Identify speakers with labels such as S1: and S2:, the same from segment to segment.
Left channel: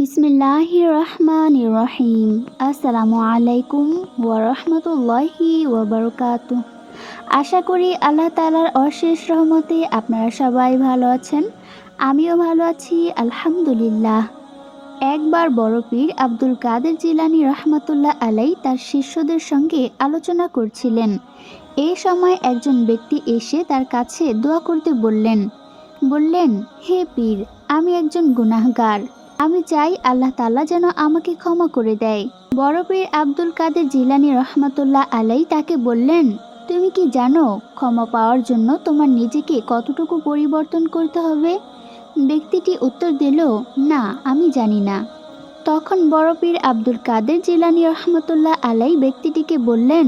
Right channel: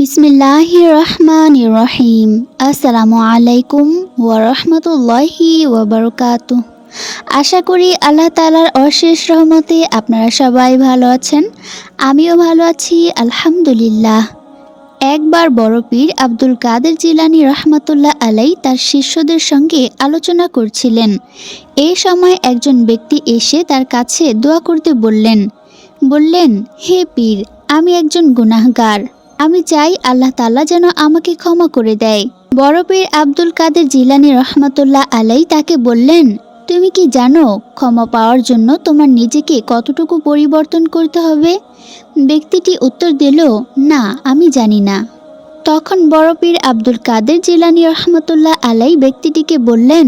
S1: বিসমিল্লাহ রহমান রহিম আসসালামু আলাইকুম ওয়ারহমতুল্লাহি ওবরকাত আশা করি আল্লাহ তালার অশেষ রহমতে আপনারা সবাই ভালো আছেন। আমিও ভালো আছি, আলহামদুলিল্লাহ। একবার বড় পীর আব্দুল কাদের জিলানি রহমতুল্লাহ আলাই তার শিষ্যদের সঙ্গে আলোচনা করছিলেন। এই সময় একজন ব্যক্তি এসে তার কাছে দোয়া করতে বললেন বললেন, হে পীর, আমি একজন গুনাহগার। আমি চাই আল্লাহ তাল্লাহ যেন আমাকে ক্ষমা করে দেয়। বড় পীর আব্দুল কাদের জিলানি রহমতুল্লাহ আলাই তাকে বললেন, তুমি কি জানো ক্ষমা পাওয়ার জন্য তোমার নিজেকে কতটুকু পরিবর্তন করতে হবে? ব্যক্তিটি উত্তর দিল, না, আমি জানি না। তখন বড় পীর আব্দুল কাদের জিলানি রহমতুল্লাহ আলাই ব্যক্তিটিকে বললেন,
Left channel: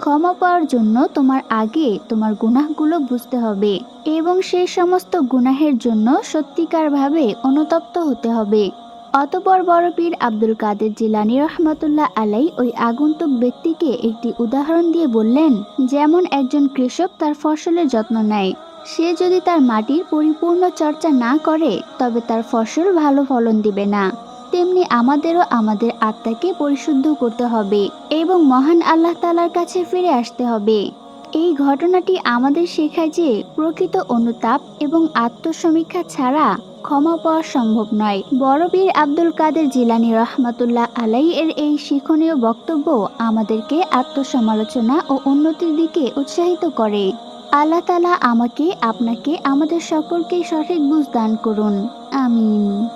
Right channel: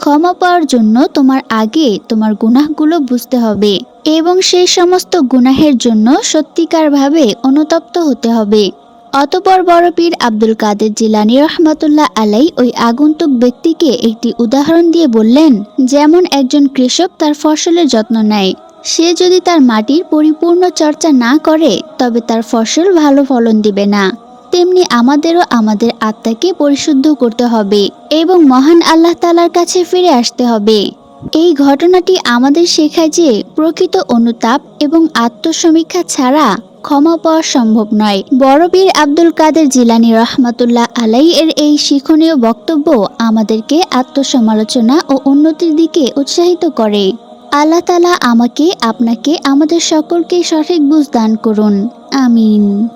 S1: ক্ষমা পাওয়ার জন্য তোমার আগে তোমার গুনাহগুলো বুঝতে হবে। এবং সেই সমস্ত গুনাহের জন্য সত্যিকারভাবে অনুতপ্ত হতে হবে। অতপর বড় পীর আব্দুল কাদের জিলানি রহমতুল্লাহ আলাই ওই আগন্তুক ব্যক্তিকে একটি উদাহরণ দিয়ে বললেন, যেমন একজন কৃষক তার ফসলের যত্ন নেয়। সে যদি তার মাটির পরিপূর্ণ চর্চা না করে, তবে তার ফসল ভালো ফলন দিবে না। তেমনি আমাদেরও আমাদের আত্মাকে পরিশুদ্ধ করতে হবে এবং মহান আল্লাহ তালার কাছে ফিরে আসতে হবে। এই ঘটনাটি আমাদের শেখায় যে প্রকৃত অনুতাপ এবং আত্মসমীক্ষা ছাড়া ক্ষমা পাওয়া সম্ভব নয়। বড়বীর আব্দুল কাদের জিলানি রহমতুল্লাহ আলাই এর এই শিক্ষণীয় বক্তব্য আমাদেরকে আত্মসমালোচনা ও উন্নতির দিকে উৎসাহিত করে। আল্লাহ তালা আমাকে, আপনাকে, আমাদের সকলকে সঠিক বুঝ দান করুন। আমিন।